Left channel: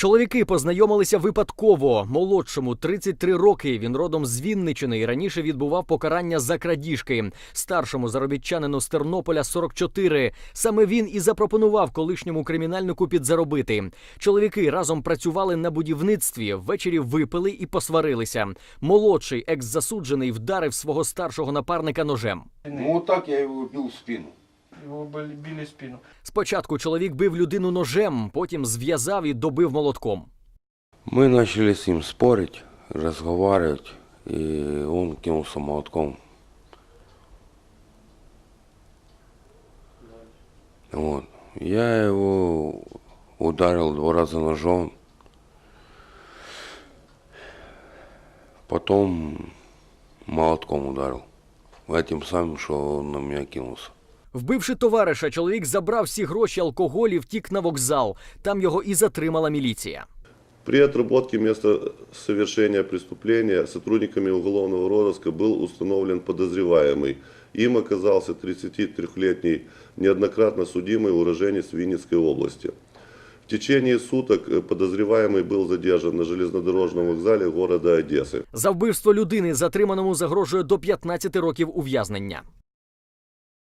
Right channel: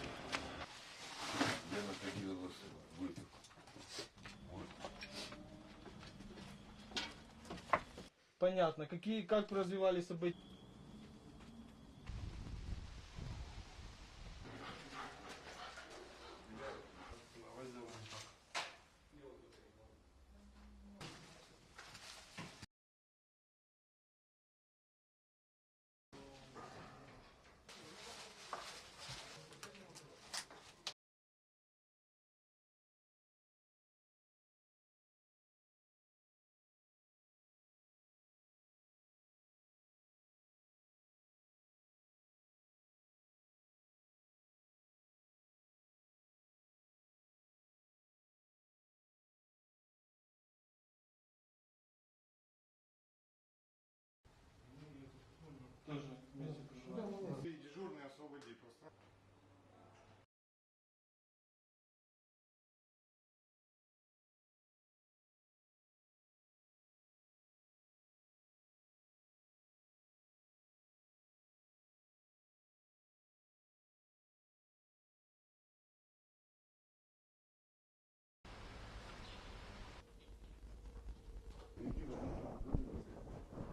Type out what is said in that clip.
Чоловіки познайомилися випадково. Молодшому 33 роки. Він родом з Вінничини і раніше відбував покарання за крадіжки. Старшому заробітчанину з Тернополя 44. Саме він і запропонував колишньому кримінальнику підзаробити. Чоловіки разом працювали на будівництві. Ввечері випили і посварилися. Молодший екс-засуджений вдарив свого старшого напарника ножем. Ну вот так я его бил в спину Его били, били в спину. Спочатку чоловік бив людину ножем, потім зв'язав і добив молотком. Мы начали с ним спорить, разговаривать, и он кинулся молотком. Вот. Я его ударил два раза ножом. Потом молотком ударил. Этим самым, что он на меня кинулся. Вбивши товариша, чоловік забрав всі гроші, алкоголь і втік на вокзал. Там його і затримала міліція. При отработке места совершения преступления сотрудниками уголовного розыска был установлен подозреваемый. Им оказался 33-летний неоднократно судимый уроженец Винницкой области. В течение суток э, подозреваемый был задержан на железнодорожном вокзале города Одессы. За вбивство людини затриманому загрожує до 15 років ув'язнення.